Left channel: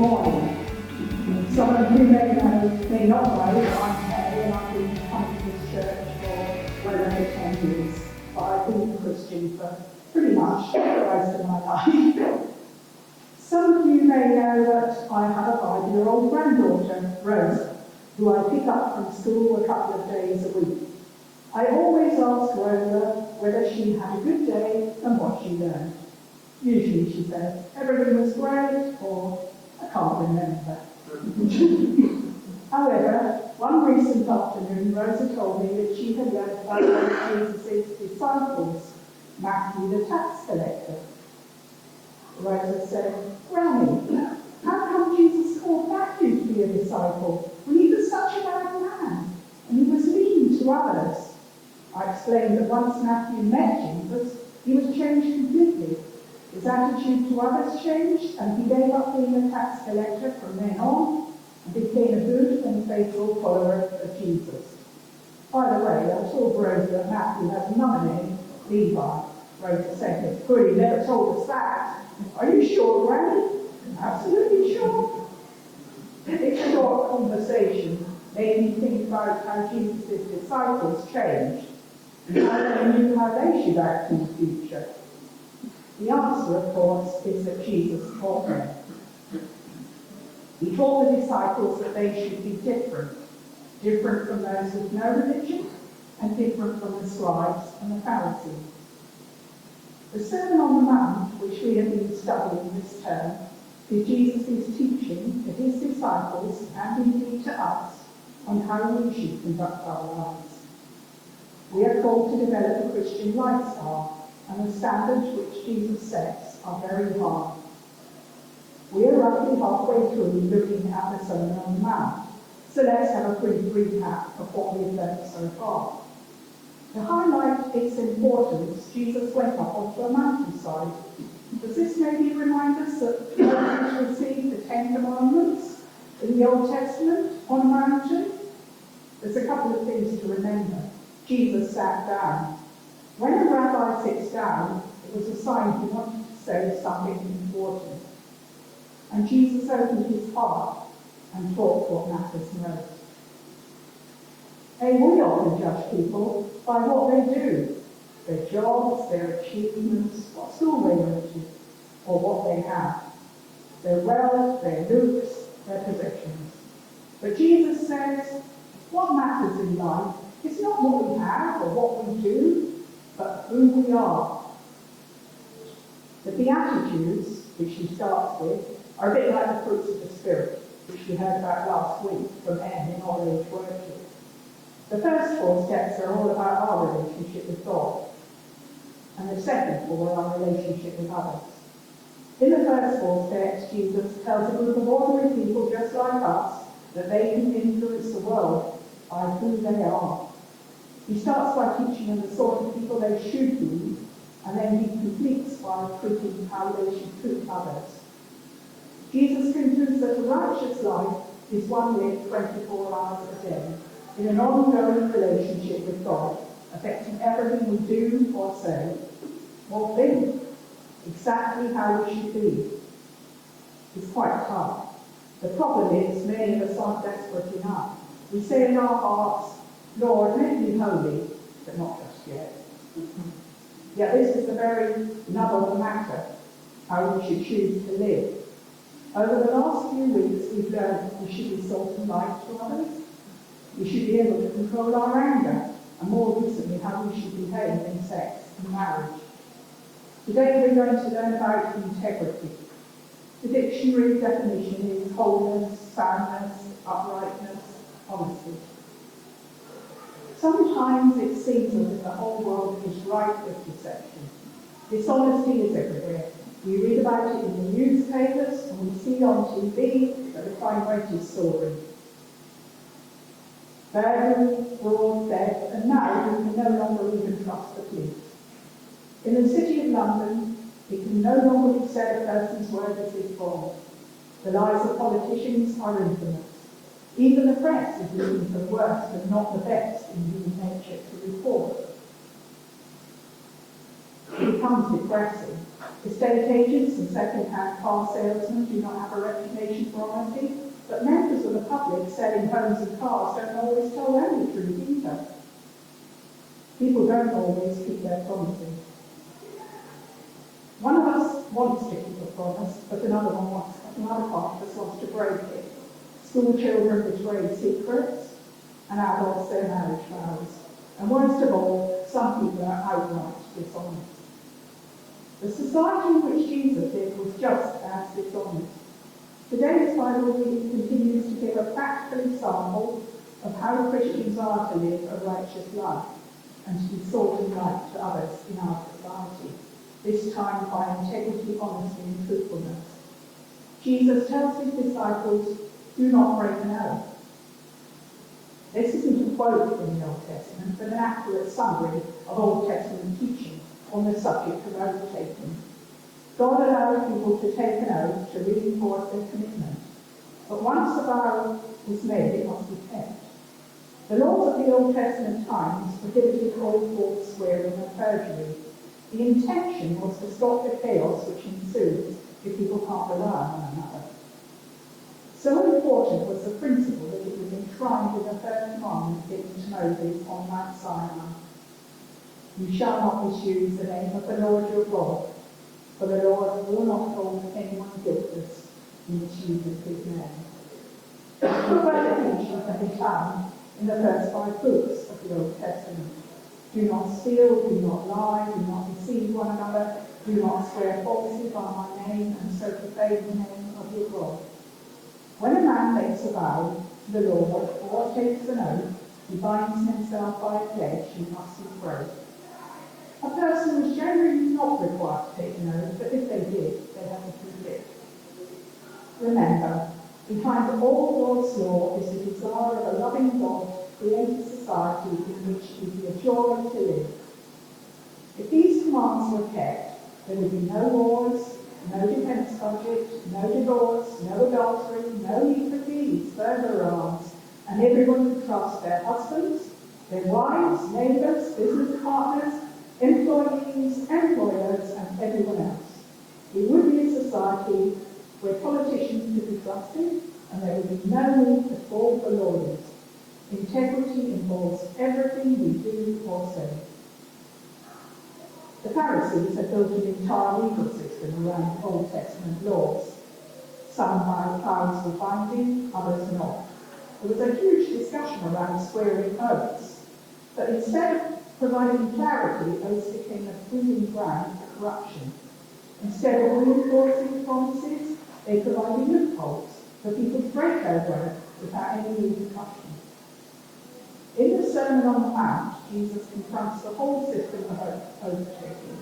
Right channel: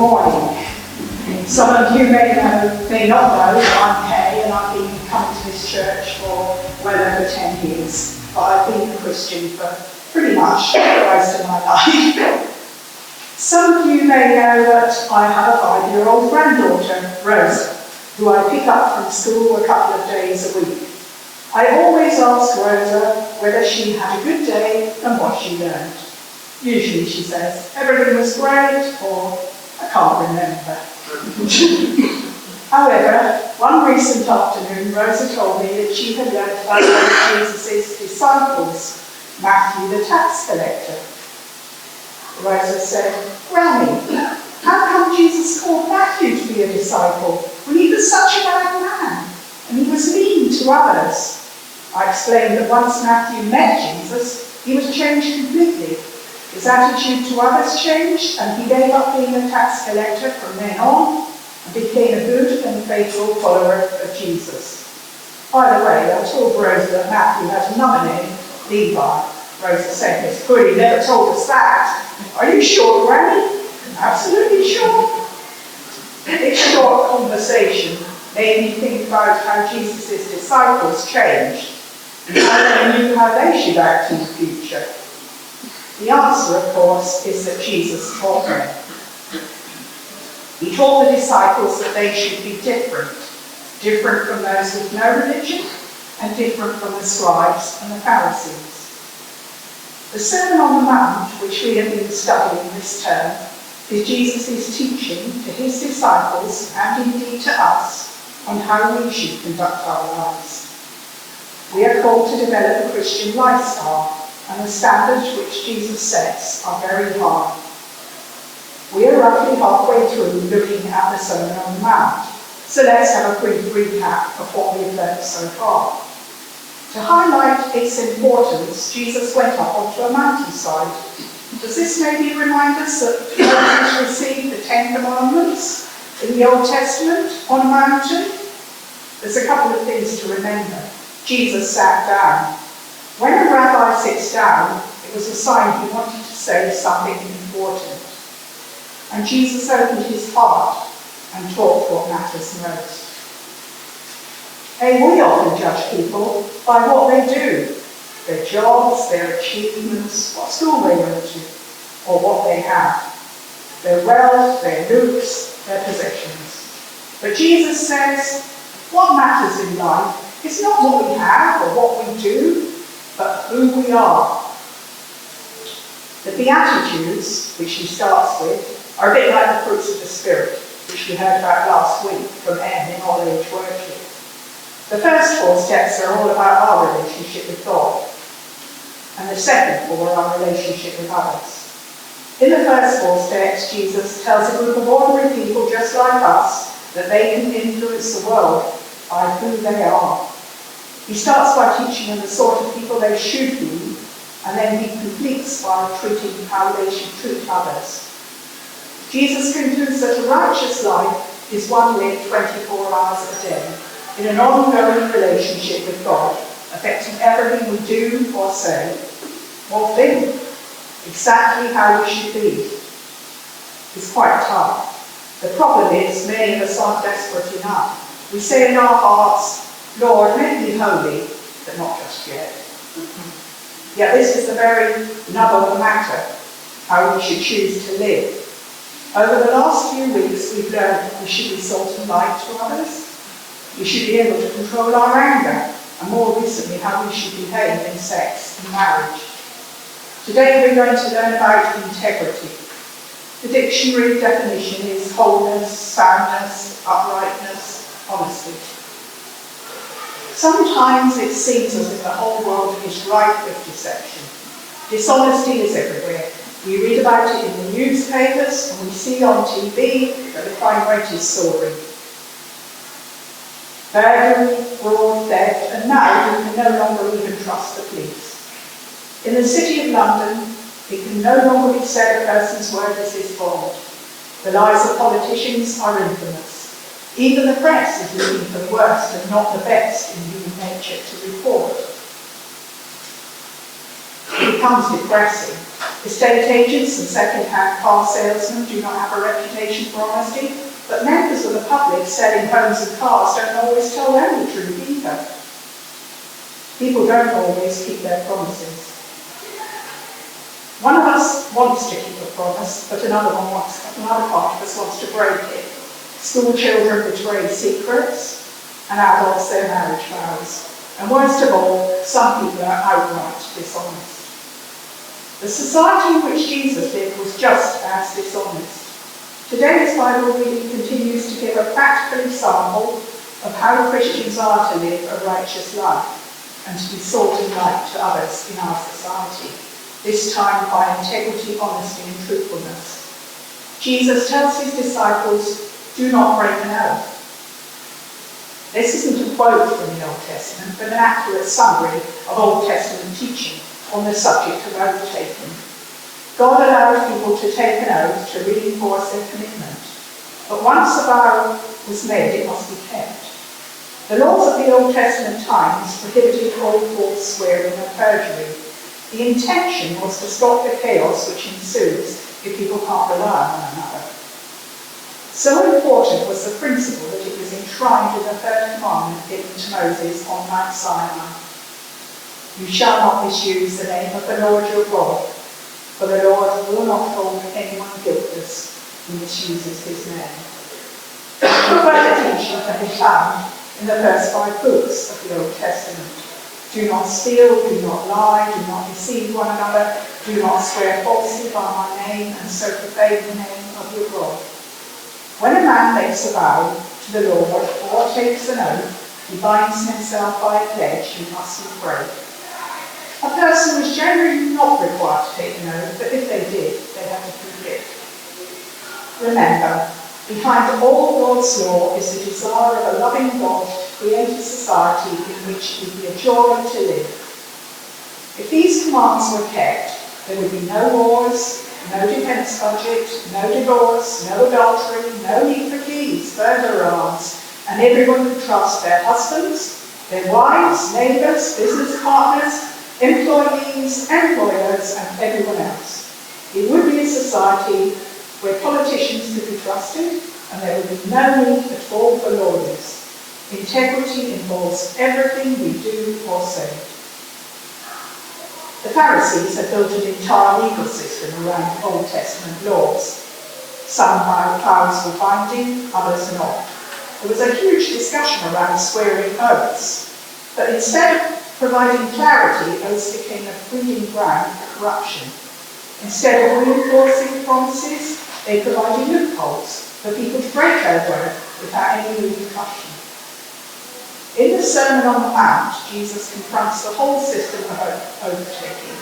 morning. Some of you may not know that I'm Kay, and I've been coming to this church for well over 10 years. But I've been a Christian for pretty much the rest of my life. Some of you may know that I have a 5-year-old granddaughter, Rosa, who I pick up from school a couple of days a week. I always ask Rosa whether she had a good day and what she learned. Usually she says, everything was great, or I can't remember. However, one recent afternoon, Rosa told me that she had learned about one of Jesus' disciples, Matthew the tax collector. Rosa said, Granny, how come Jesus called Matthew to be a disciple when he was such a bad man and he was mean to others? I explained that once Matthew met Jesus, he was changed completely. His attitude to others changed, and he gave up being a tax collector from then on and became a good and faithful follower of Jesus. By the way, I told Rosa that Matthew had another name, Levi. Rosa said, Miss Goody never told us that. Are you sure, Granny? Absolutely sure. This short conversation made me think about how Jesus' disciples changed and how they knew how they should act in the future. The answer, of course, is that Jesus taught them. He taught the disciples that they should be different from those with no religion, and different from the scribes and the Pharisees. The Sermon on the Mount, which we have been studying this term, is Jesus' teaching to his disciples, and indeed to us, on how we should conduct our lives. We are called to develop a Christian lifestyle, and the standards which Jesus sets are very high. We are roughly halfway through looking at the Sermon on the Mount, so let's have a brief recap of what we've learned so far. To highlight its importance, Jesus went up onto a mountainside. Does this maybe remind us that Moses received the 10 Commandments in the Old Testament on a mountain? There's a couple of things to remember. Jesus sat down. When a rabbi sits down, it was a sign he wanted to say something important. And Jesus opened his heart and taught what matters most. We often judge people by what they do, their jobs, their achievements, what school they went to, or what they have, their wealth, their looks, their possessions. But Jesus says, what matters in life is not what we have or what we do, but who we are. The Beatitudes, which he starts with, are a bit like the fruits of the Spirit, which we heard about last week from Em in All Age Worship. The first 4 steps are all about our relationship with God, and the second 4 are our relationship with others. In the first 4 steps, Jesus tells a group of ordinary people just like us that they can influence the world by who they are. He starts by teaching them the sort of people they should be, and then he completes by treating how they should treat others. Jesus concludes that a righteous life is one lived 24 hours a day, in an ongoing relationship with God, affecting everything we do or say, or think, exactly how we should be. It's quite tough. The problem is, many of us aren't desperate enough. We say in our hearts, Lord, make me holy, but not just yet. Yet this is the very nub of the matter, how we should choose to live. Over the last few weeks, we've learned that we should be salt and light to others. We should be able to control our anger, and more recently, how we should behave in sex and marriage. Today, we're going to learn about integrity. The dictionary definition is wholeness, soundness, uprightness, honesty. Sometimes it seems as if the whole world is rife with deception. Dishonesty is everywhere. We read about it in the newspapers, and we see on TV that the crime rate is soaring. Burglary, fraud, theft, and now we can no longer even trust the police. In the City of London, it can no longer be said a person's word is bond. The lies of politicians are infamous. Even the press is looking for the worst and not the best in human nature to report. It becomes depressing. Estate agents and second-hand car salesmen do not have a reputation for honesty, but members of the public selling homes and cars don't always tell them the truth either. People don't always keep their promises. One of us wants to keep a promise, but another part of us wants to break it. School children betray secrets, and adults their marriage vows. And worst of all, some people are outright dishonest. The society in which Jesus lived was just as dishonest. Today's Bible reading continues to give a practical example of how Christians are to live a righteous life and to be salt and light to others in our society, this time by integrity, honesty and truthfulness. Jesus tells his disciples, do not break an oath. This isn't a quote from the Old Testament, but an accurate summary of Old Testament teaching on the subject of oath-taking. God allows people to take an oath to reinforce their commitment, but once a vow was made, it must be kept. The laws of the Old Testament times prohibited all false swearing and perjury. The intention was to stop the chaos which ensues if people can't rely on one another. So important was the principle that it was enshrined in the third commandment given to Moses on Mount Sinai. You shall not misuse the name of the Lord your God, for the Lord will not hold anyone guiltless who misuses his name. Further teaching can be found in the first 5 books of the Old Testament. Do not steal, do not lie, do not deceive one another, do not swear falsely by my name, and so profane the name of your God. When a man makes a vow to the Lord or takes an oath, he binds himself by a pledge he mustn't break. A person was generally not required to take an oath, but if they did, they had to keep it. Remember, behind all God's law is the desire of a loving God to create a society in which it would be a joy to live. If these commands were kept, there would be no wars, no defence budget, no divorce, no adultery, no need for keys, burglaries, and everyone could trust their husbands, their wives, neighbours, business partners, employees, employers, and everyone else. It would be a society where politicians could be trusted, and there would be no need at all for lawyers. Integrity involves everything we do or say. The Pharisees had built an entire legal system around Old Testament laws. Some vows were binding, others not. There was a huge discussion around swearing oaths, but instead of providing clarity, oaths became a breeding ground for corruption. Instead of reinforcing promises, they provided loopholes for people to break their word without any repercussion. In the Sermon on the Mount, Jesus confronts the whole system of oath-taking.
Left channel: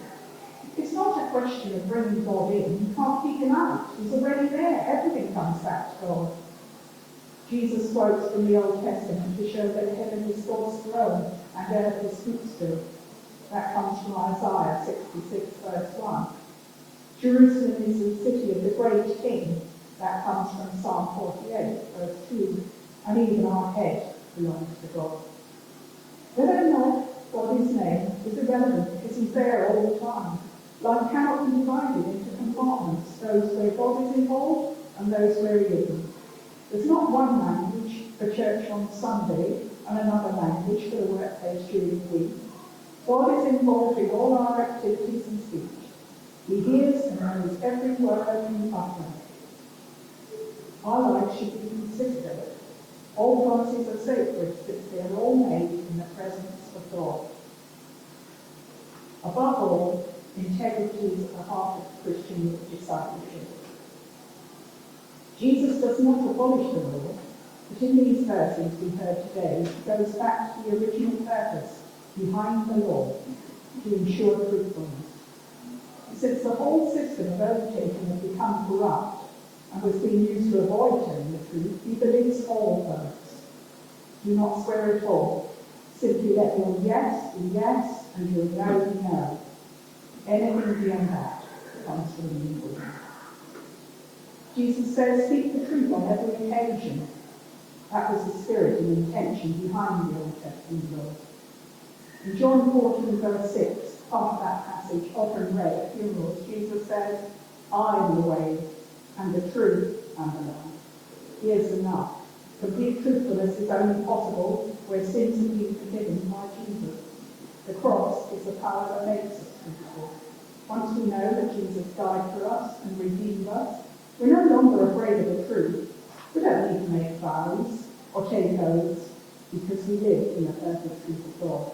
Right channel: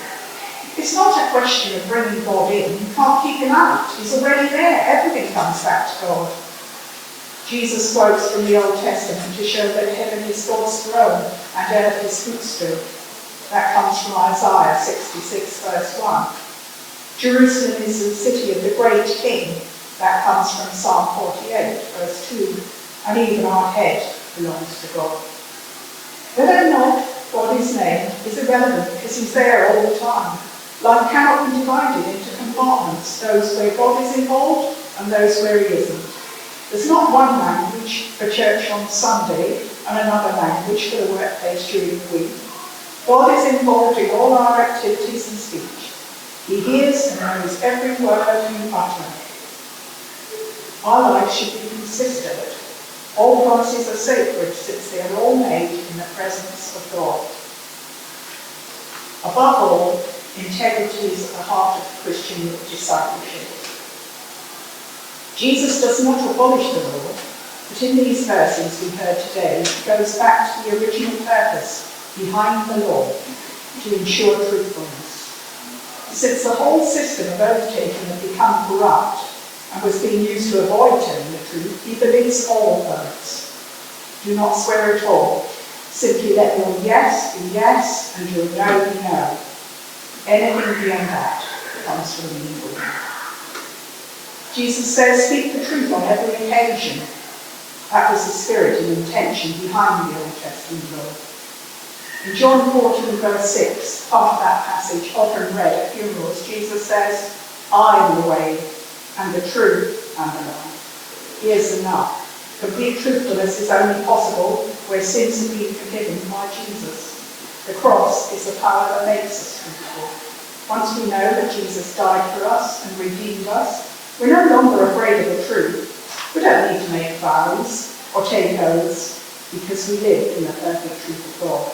It's not a question of bringing God in. You can't keep him out. He's already there. Everything comes back to God. Jesus quotes from the Old Testament to show that heaven is God's throne and earth his footstool. That comes from Isaiah 66, verse 1. Jerusalem is the city of the great King. That comes from Psalm 48, verse 2. And even our head belongs to God. Whether or not God is named is irrelevant because he's there all the time. Life cannot be divided into compartments, those where God is involved and those where he isn't. There's not one language for church on Sunday and another language for the workplace during the week. God is involved in all our activities and speech. He hears and knows every word you utter. Our lives should be consistent. All promises are sacred since they are all made in the presence of God. Above all, integrity is at the heart of Christian discipleship. Jesus does not abolish the law, but in these verses we heard today, he goes back to the original purpose behind the law, to ensure truthfulness. Since the whole system of oath-taking had become corrupt and was being used to avoid telling the truth, he believes all oaths. Do not swear at all. Simply let your yes be yes and your no be no. Anything beyond that comes from the evil one. Jesus says, speak the truth on every occasion. That was the spirit and intention behind the Old Testament law. In John 14, verse 6, part of that passage often read at funerals, Jesus says, I am the way and the truth and the life. Here's enough. Complete truthfulness is only possible where sins have been forgiven by Jesus. The cross is the power that makes us truthful. Once we know that Jesus died for us and redeemed us, we're no longer afraid of the truth. We don't need to make vows or take oaths because we live in the perfect truth of God.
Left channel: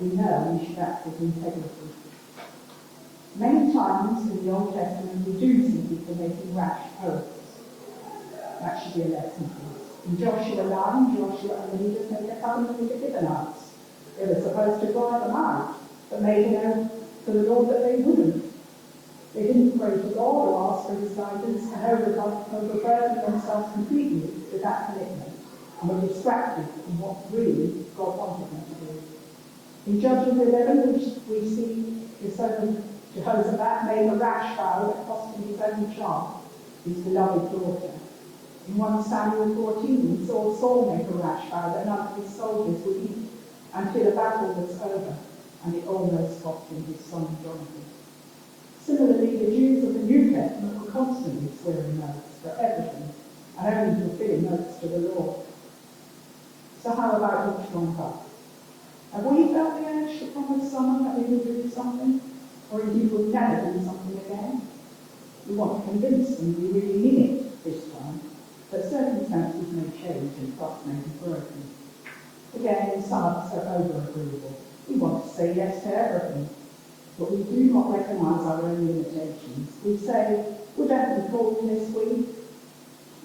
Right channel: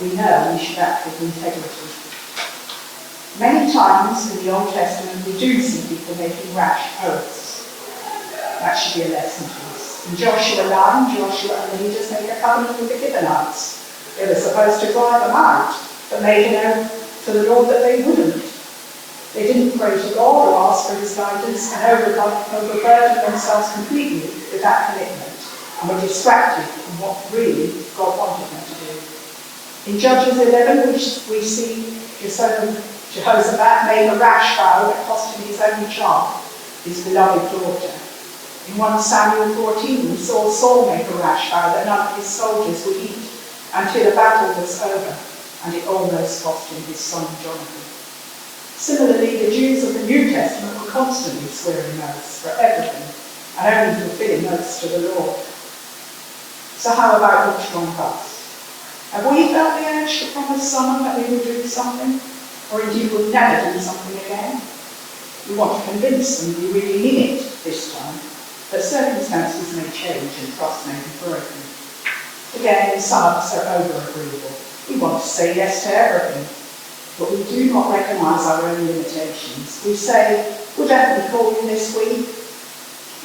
We know we should act with integrity. Many times in the Old Testament we do see people making rash oaths. That should be a lesson to us. In Joshua 9, Joshua and the leaders make a covenant with the Gibeonites. They were supposed to drive them out, but made an oath to the Lord that they wouldn't. They didn't pray to God or ask for his guidance and overburdened themselves completely with that commitment and were distracted from what really God wanted them to do. In Judges 11, we see Jehoshaphat made a rash vow that cost him his only child, his beloved daughter. In 1 Samuel 14, we saw Saul make a rash vow that none of his soldiers would eat until the battle was over, and it almost cost him his son Jonathan. Similarly, the Jews of the New Testament were constantly swearing oaths for everything, and only fulfilling oaths to the Lord. So how about each one of us? Have we felt the urge to promise someone that we will do something, or indeed will never do something again? We want to convince them we really mean it this time, but circumstances may change and trust may be broken. Again, some of us are over-agreeable. We want to say yes to everything, but we do not recognise our own limitations. We say, we'll definitely call you this week.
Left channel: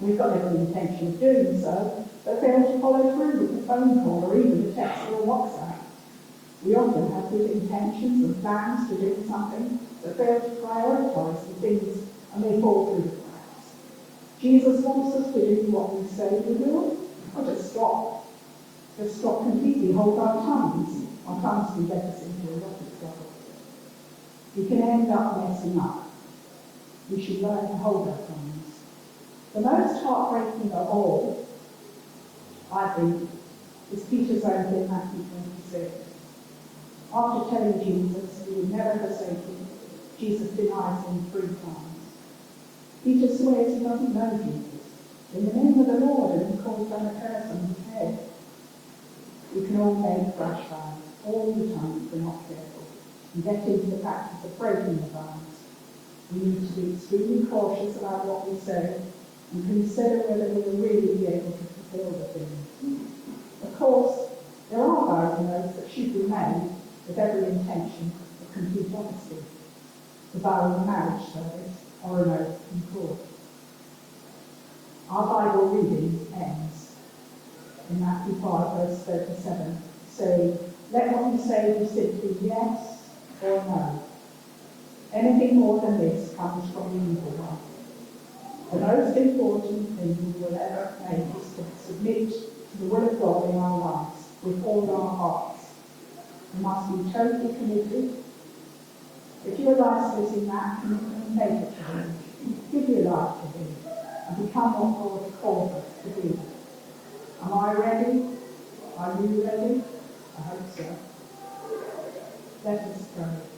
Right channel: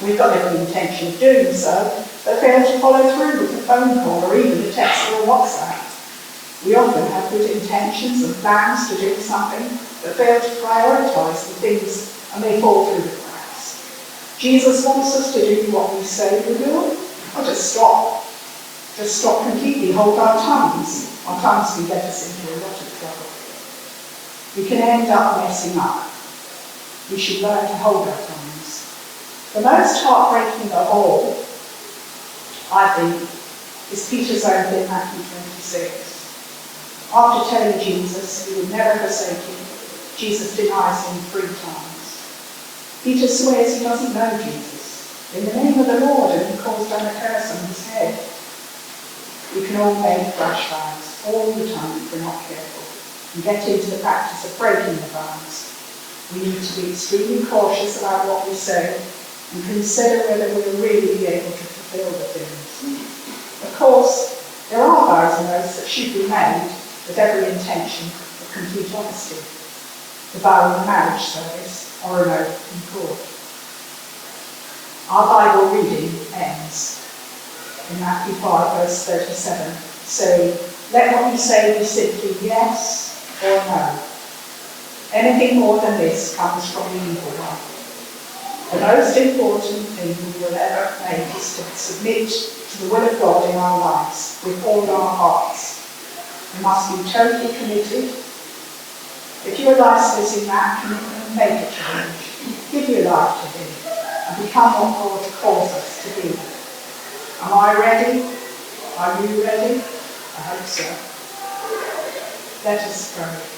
We've got every intention of doing so, but fail to follow through with a phone call or even a text or a WhatsApp. We often have good intentions and plans to do something, but fail to prioritise the things and they fall through the cracks. Jesus wants us to do what we say we will, or just stop. Just stop completely, hold our tongues. Our tongues can get us into a lot of trouble. We can end up messing up. We should learn to hold our tongues. The most heartbreaking of all, I think, is Peter's own in Matthew 26. After telling Jesus he would never forsake him, Jesus denies him 3 times. Peter swears he doesn't know Jesus in the name of the Lord, and he calls down a curse on his head. We can all make rash vows all the time if we're not careful and get into the practice of breaking the vows. We need to be extremely cautious about what we say and consider whether we'll really be able to fulfill the things. Of course, there are vows and oaths that should be made with every intention of complete honesty. The vow in a marriage service or an oath in court. Our Bible reading ends in Matthew 5, verse 37, saying, let what you say be simply yes or no. Anything more than this comes from the evil one. The most important thing we will ever make is to submit to the will of God in our lives with all our hearts. We must be totally committed. If your life is in that commitment, make a change. Give your life to him and become what God calls us to be. Am I ready? Are you ready? I hope so. Let us pray.